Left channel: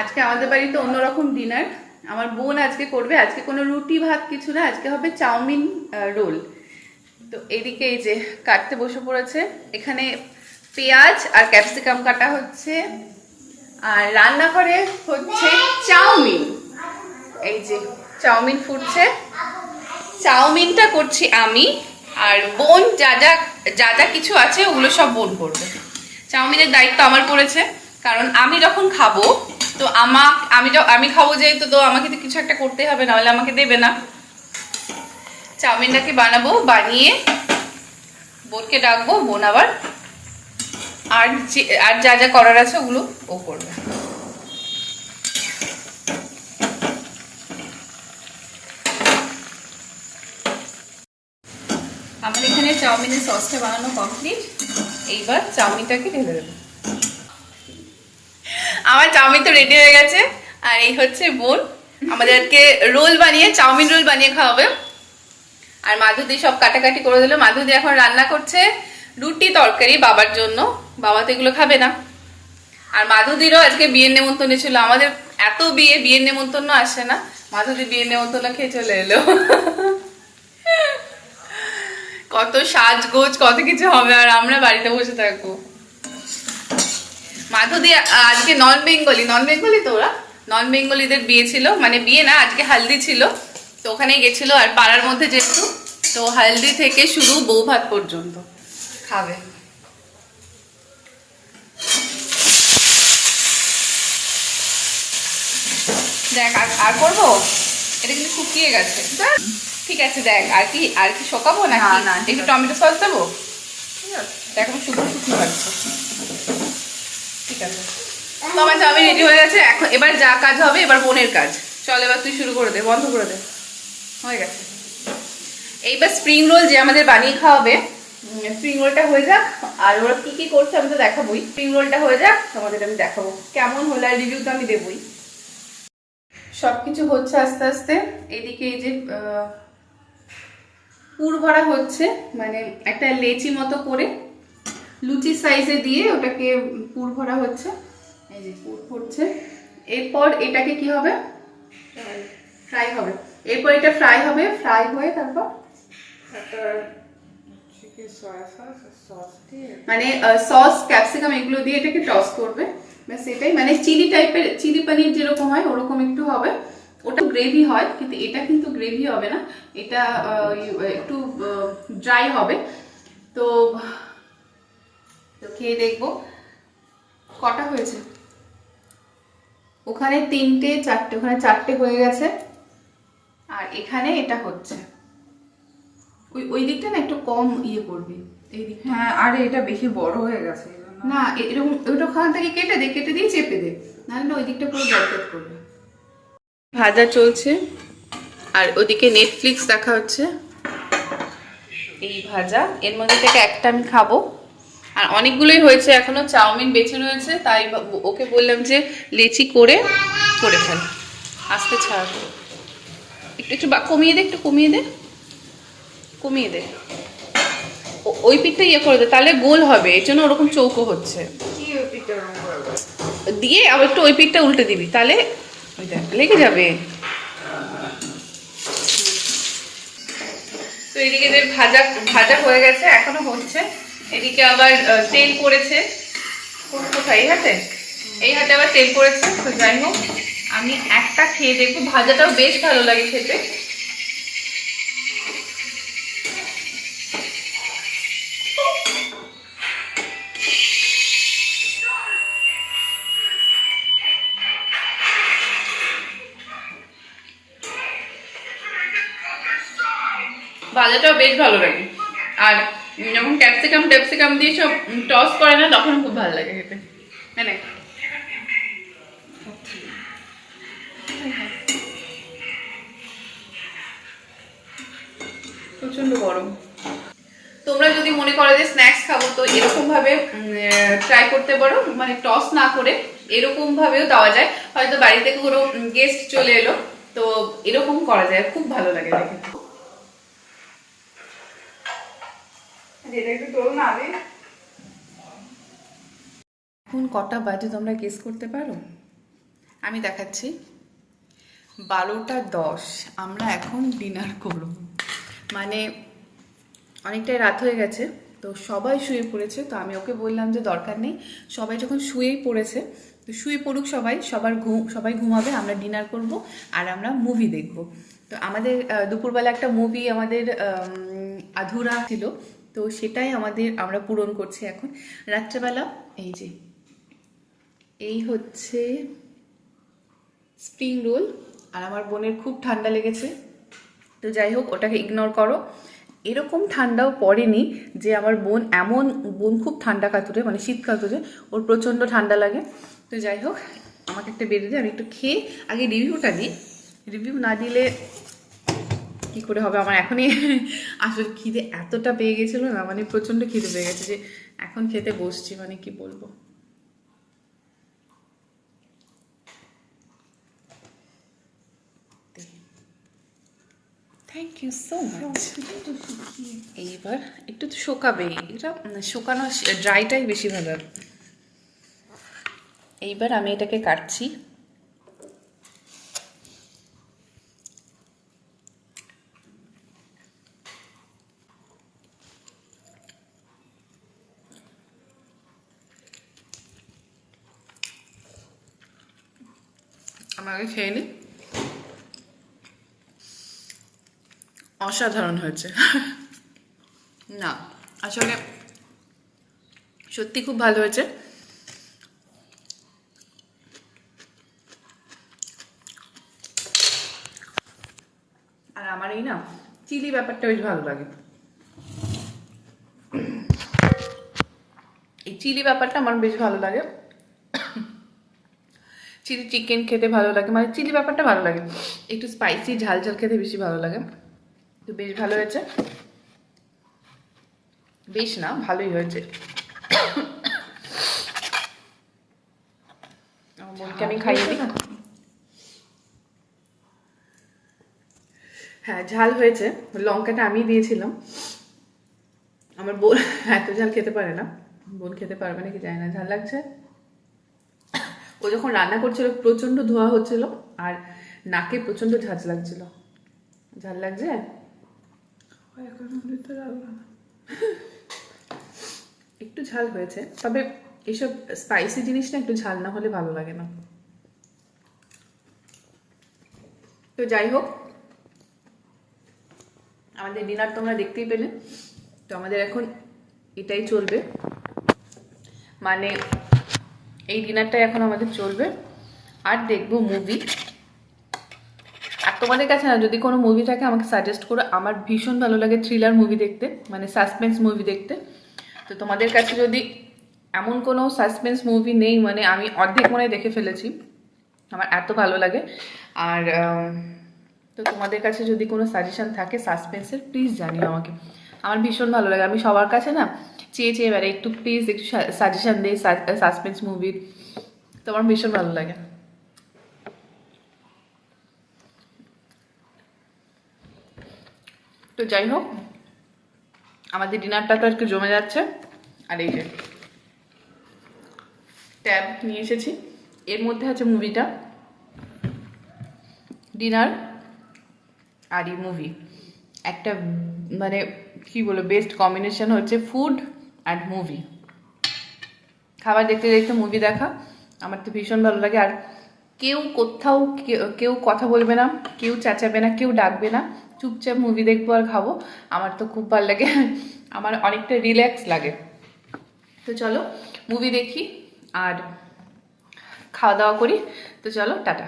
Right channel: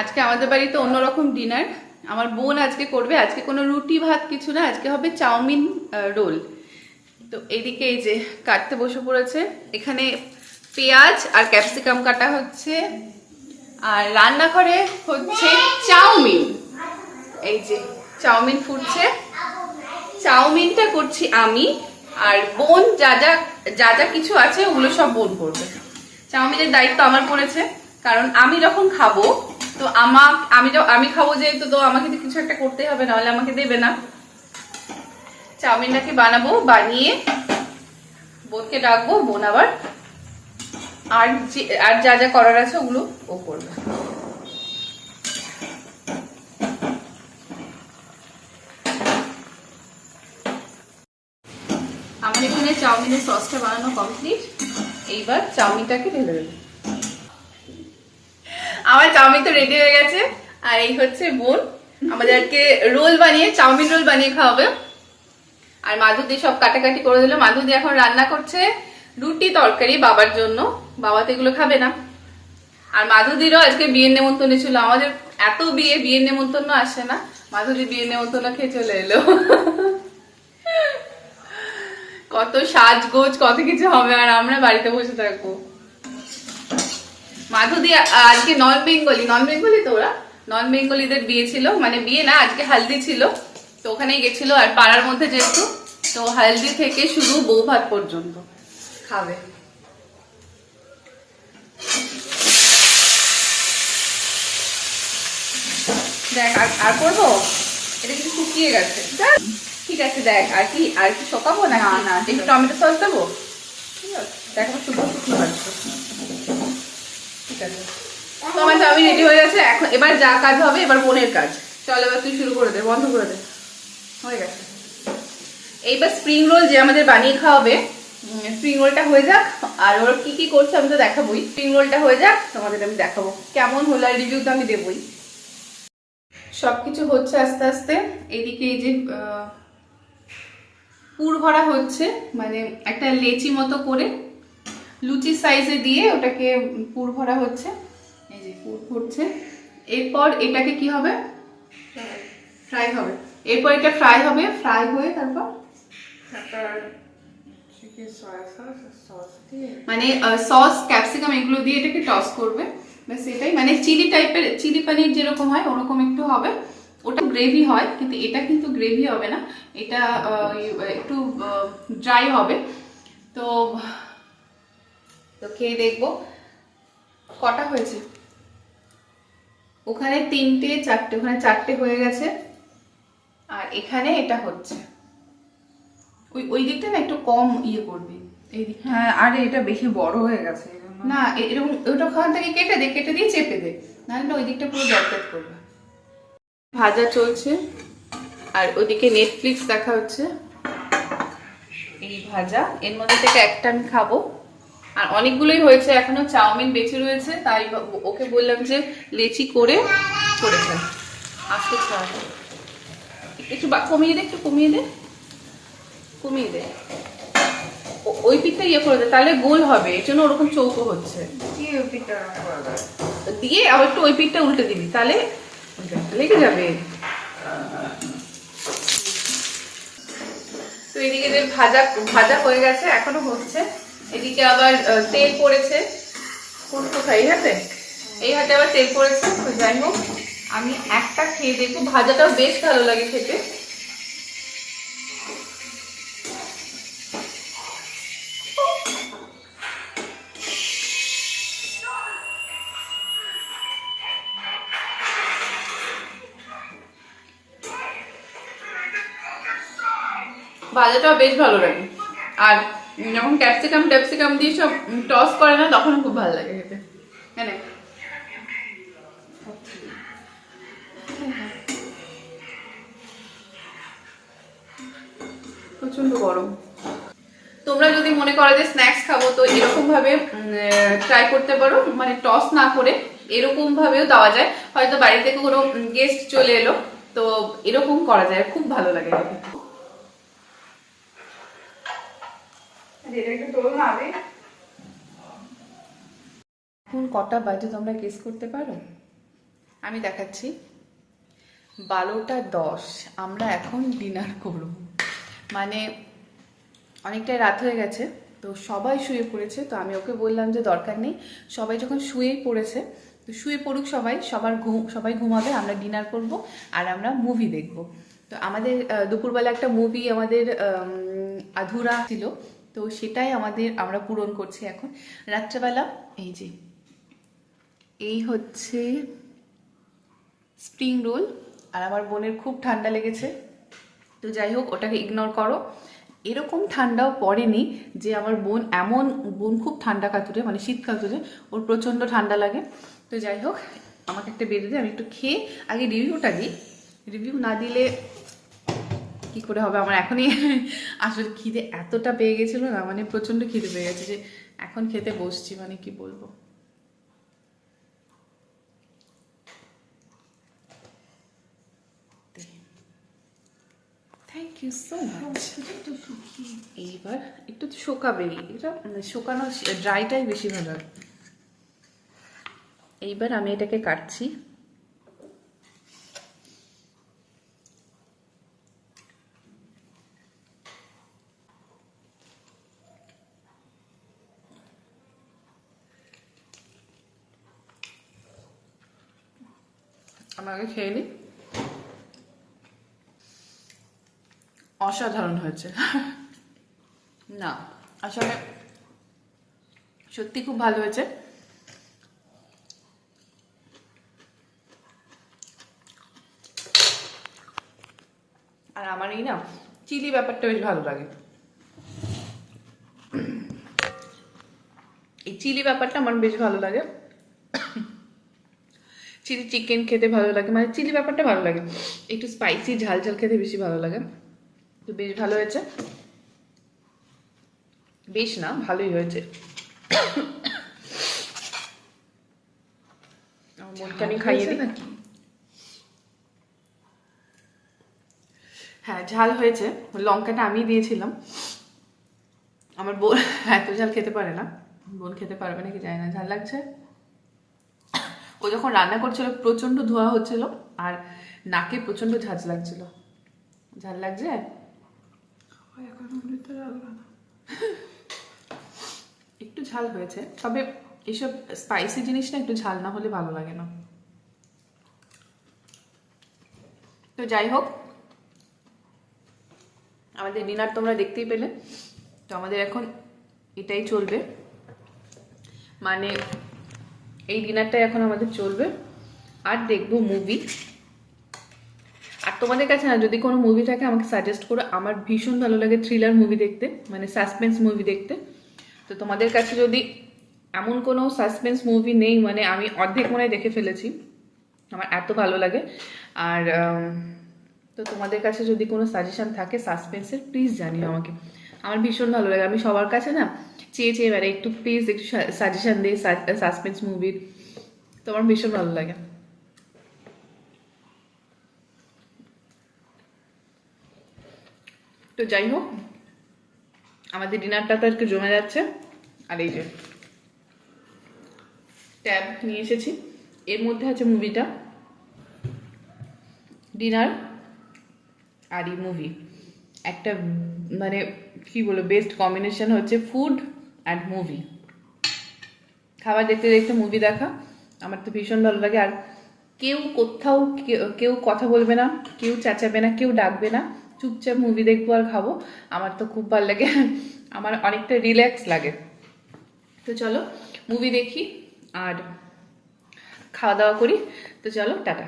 আজকে আমাদের বাড়িতে অন্যরকম ডিনার। আমার বোন আজকে করবে। আজকে কোনো রুটি ভাত কিছু না, আজকে হবে চাউমিন রোল। তো এইদিকে এই যে কাটতে বসে পড়েছে, এখানে পেঁয়াজ আর ক্যাপসিকাম কাটা হচ্ছে, আর রান্নাঘরে হচ্ছে চাউমিন। এই যে চাউমিন ফুটছে, চাউমিনটা করছি আমি, আর বোন যা যা যা যা কিছু আছে ওগুলো সব বোন করবে। চাউমিনের দায়িত্ব আমার পড়েছে, কারণ আমি যখন খাবো তো আমি খাবো যেহেতু, তো আমাকে তো কিছু একটা করতে হবে, নাহলে আমাকে দেবে না। চাউমিনটাকে বানাবো, বানিয়ে বোনকে ডাকবো, বোন আবার আর যা যা করার আছে ওগুলো ও করবে। আমার এখানে চাউমিনের সসটা বানানো কমপ্লিট। এইবার চাউমিনটাকে ঢেলে দেবো। আমার চাউমিন তো রেডি হয়ে গেছে, আর এই হচ্ছে বোন আমাদেরকে রোল বানিয়ে, চাউমিন রোল বানিয়ে খাওয়াবে। আর মাধুদি সব কাটাকাটি করে দিল। মাধুদি এখন রান্না করছে রুটি তরকারি বাবার জন্য, বাবা তো এগুলো খাবে না। আর মাধুদিরও আজকে বিয়ের নেমন্তন্ন ছিল। আমাদের এত বিয়ের নেমন্তন্ন আসে না, মাধুদি বিয়ের নেমন্তন্ন খেয়ে চলে এলো। কত সাজগোজ কত কিছু হবে, আর আমরা বাড়িতে বসে থাকবো। মাধুদি আজকে নন বেঙ্গলি তো ওরা নন বেঙ্গলিদের বিয়ে ছিল, মানে বিয়ে না, আজকে হালদি ছিল, তো ওখানে গেছিল। আর পাড়ার মধ্যে যেহেতু, তো হালদি থেকে শুরু বউ ভাত পর্যন্ত খাবে। দেখ আর করবো, এটা কিন্তু শুকিয়ে গেছে। ঠিক আছে, দেখ আর কি শোকাবো না? না, একটু টমেটো সস দেবো। দেখ আমার শুকনো শুকনো পাচ্ছে। ঠিক আছে, তো আমার চাউমিন রেডি হয়ে গেছে। এখন এবার যা কাজ হবে, এবার বোনের কাজ। চল এবার তুই শুরু করে দে, বন্ধ করে দে। হয়ে গেছে। এইবার স্প্রিং রোল যে আমাদের বানিয়ে খাওয়াবে, স্প্রিং রোলটা হয়ে যাক। আর ওরা কি কি করছে আমি তো দেখাবোই। স্প্রিং রোলটা হয়ে যাক, তোমাদের আমি দেখাবো কেমন হলো, আর রিভিউ তো আমি দেবই। সবকিছু হচ্ছে আস্তে আস্তে। এইদিকে এই যে পুর ভরা হচ্ছে, মানে একটা লেচি মতো করে লুচি সাইজে দিয়ে ওটাকে পুর ভরা হচ্ছে। এই যে পুর ভরছে। এরপর এটাকে কি হবে, ফ্রাই হবে। এরপর এটা ফ্রাই হবে, ফ্রাই হয়ে তারপর মানে সস ক্যাপসিকাম এগুলো দিয়ে এটাকে টস করবে। ব্যাস এটাই, মানে চিলি পনির যেরকম হয় ওরকম একটু হবে। ওটা গ্রেভি হয়, কিন্তু এটা কিন্তু গ্রেভি হবে না, এটা একটু ড্রাই হবে। তো খেয়ে দেখবো কটা হয়েছে। ওখানে 3টে 4টে, ওখানে 4টে হয়ে গেছে, আর এখানে এটা হচ্ছে। ওই দিকটা না একটু কম ইয়ে করবি, এই দিকটা। হ্যাঁ, আরে এটা বেশি বড় হয়ে গেছে না, এরকম ওটা খাওয়া থেকে কেটে দিয়ে চেপে দে, নাহলে ওই দিকটা পুরো জলপাত করবে। ভাজা চলছে, আর ওদিকে নেটফ্লিক্স দেখা হচ্ছে। এই ভাজা, এর মধ্যে থেকে একটা আমি খাবো, আর অনেকগুলোই হয়েছে, এখনো চাউমিন বেঁচে রয়েছে। তাই ওকে বললাম যে লেচি করে ফেল, আস্তে ছাড়। একটু কমিয়ে দে, একটু কমিয়ে দে। ওই পিঠটা ইয়ে করে দে, তাহলে গোল হবে, এর জন্য ওরকম চৌকো হচ্ছে। দিয়ে আবার একটু ওই পিঠটা উল্টে দিবি, তাহলে লেগে যাবে। তো এদিকে ভাজা হয়ে গেছে, এখনো হচ্ছে। এদিকে আবার তেল পড়েছে। কোথায়? এই হাতে আবার তেল পড়েছে। তো যাই হোক, আমি একটা খেয়ে দেখবো। ভাজাটাও বেশ ভালো লাগে খেতে। ভাজাটাও বেশ ভালো লাগে, আর যখন ক্যাপসিকাম দিয়ে সব টস করে না, তখন খুব ভালো লাগে খেতে। মানে প্রচন্ড গরম। তোমরা যদি মনে করো যে স্ন্যাক্স খাবো, তো এরকম ভাবে ট্রাই করতে পারো, মানে টস না করে এরকম ভাবেও দেওয়া যায়। হয়তো বাড়ি থেকে কোনো গেস্ট চলে এলো, তো এরকম করা যায়, খুব ভালো লাগে দেখে। এখন কটা বাজে তোমরা গেস করতে পারো? আমি দেখাচ্ছি 12:10 আমরা এখন ডিনার করব। মানে অনেকটাই রাত হয়ে গেছে, তো সবাই শুয়ে পড়েছে। তো আমি ওকে বললাম যে দরকার নেই, সবাই যখন শুয়েই পড়েছে তো শুয়ে পড়ুক সবাই, সবাই ঘুমাবে, আমরা ডিনার করব আর আমরা মুভি দেখব। তো আমাদের দুপুরবেলা একটা মুভি আমাদের আধুরা ছিল, তো সেটাই আমরা পূরণ করছি এখন রাত্রেবেলা। এই যে এই হচ্ছে স্প্রিং রোল, আর আমার বোনের খুব ঠান্ডা লেগেছে, তো যাই হোক ওটাকে ইগনোর করো। এরকম ঠান্ডাও পড়েনি যে আমার বোন খুব ঠান্ডা কাতুরে, মানে শীত কাতুরে, ওর প্রচণ্ড ঠান্ডা লাগে। তো যাই হোক আমাকে একটা বেড়ে দিয়ে আমি একটু খেয়ে আগে রিভিউটা দিই। রিভিউ না দিলে কি করে হবে, আমার এখনই আসলে খিদে এতটা পেয়ে গেছিলো না, মানে প্রচণ্ড খিদে পেয়ে গেছে যে এখন খেতে বসছি, মানে কি বলবো। Thank you so much. এইবার একটু তো শোকাবে, এটা শোকানো, ড্রাইটাই বেশি ভালো। এইবার আমি এটাকে কাটছি। আমাকে খেয়ে নিই। অসাধারণ হয়েছে। না আসলে সত্যি খুব ভালো হয়েছে। আর আমার এই না চিলি ব্যাপারটা বেশ ভালো লাগে, এই চিলি ব্যাপারটা আমার বেশ ভালো লাগে। চিলি চিকেন খেতে ভালো লাগে, মানে চিলি ব্যাপারটা ভালো লাগে, একটু স্পাইসি ঝাল ঝাল খেতে বেশি ভালো লাগে। তো বেশ ভালো হয়েছে, বেশ না ভালোই হয়েছে। আমার বোনকে আমি খাইয়ে দিই। হ্যাঁ ঝাল হয়েছে, লঙ্কাটা আমি দিয়েছিলাম। আমার বোন এত ঝাল খেতে পারে না, বোন খেতে পারবে নাকি জানি না, ঝাল লাগছে। ও যখন রান্না করছিল প্রচন্ড ধোঁয়া হচ্ছিল আর নাকে প্রচন্ড ঝাঁঝ লাগছিল। ঝাল লাগছে এখন একটু ঝাল হয়েছে, তবে এইসব স্পাইসি জিনিস না একটু ঝাল না হলে ভালো লাগে না। তো যাই হোক আমাদের ডিনার তোমরা দেখতেই পেলে। তো আমাদের এখন এটাই চলবে, মানে এই ডিনারটাই এখন আমাদের চলবে, আর দেখবো মুভি। আর তোমাদের কাছে না যদি কোনো মুভি থাকে আমাকে সাজেস্ট করো, আমার ভীষণ ভালো লাগে থ্রিলার মুভি দেখতে, মানে সাসপেন্স মুভি দেখতে। তো তোমাদের কাছে যদি এমন কোনো সাসপেন্স মুভি নেই, মানে আমি অর্ধেক মনে দেখে ফেলেছি, আমার এত ভালো লাগে। আর তো তোমাদের কাছে যদি কোনো সাজেশন থাকে সাসপেন্সের প্লিজ জানিও আমাকে, আমার ভীষণ ভালো লাগে। আমি সবার কাছে না চেয়ে চেয়ে বেড়াই একটু প্লিজ একটু সাজেশন দিই সাসপেন্স মুভির, তো আমার ভীষণ ভালো লাগে। তো যাই হোক আমাদের ডিনারটা তো আজকে জমে যাচ্ছে। আর এই যে ট্যাব নিয়ে এসেছি, এর মধ্যে আছে মুভিটা, ডিনার আর এই মুভি, একটা মানে কি বলবো বেস্ট কম্বিনেশন হচ্ছে ফুড অ্যান্ড মুভি। খাবার দেখতে দেখতে মুভি দেখা আমার তো ভীষণ ভালো লাগে। আর কেউ কোথাও কেউ কথা বলবে না, কেউ চেঁচাবে না, কেউ ডাকবে না, চুপচাপ মুভি দেখবো আর খাবো, আমার তো খুব ভালো লাগে, আমার অনেকটা রিল্যাক্স লাগে। তো চলো মুভি দেখি আর খাওয়া দাওয়া করি। তো চলো টাটা।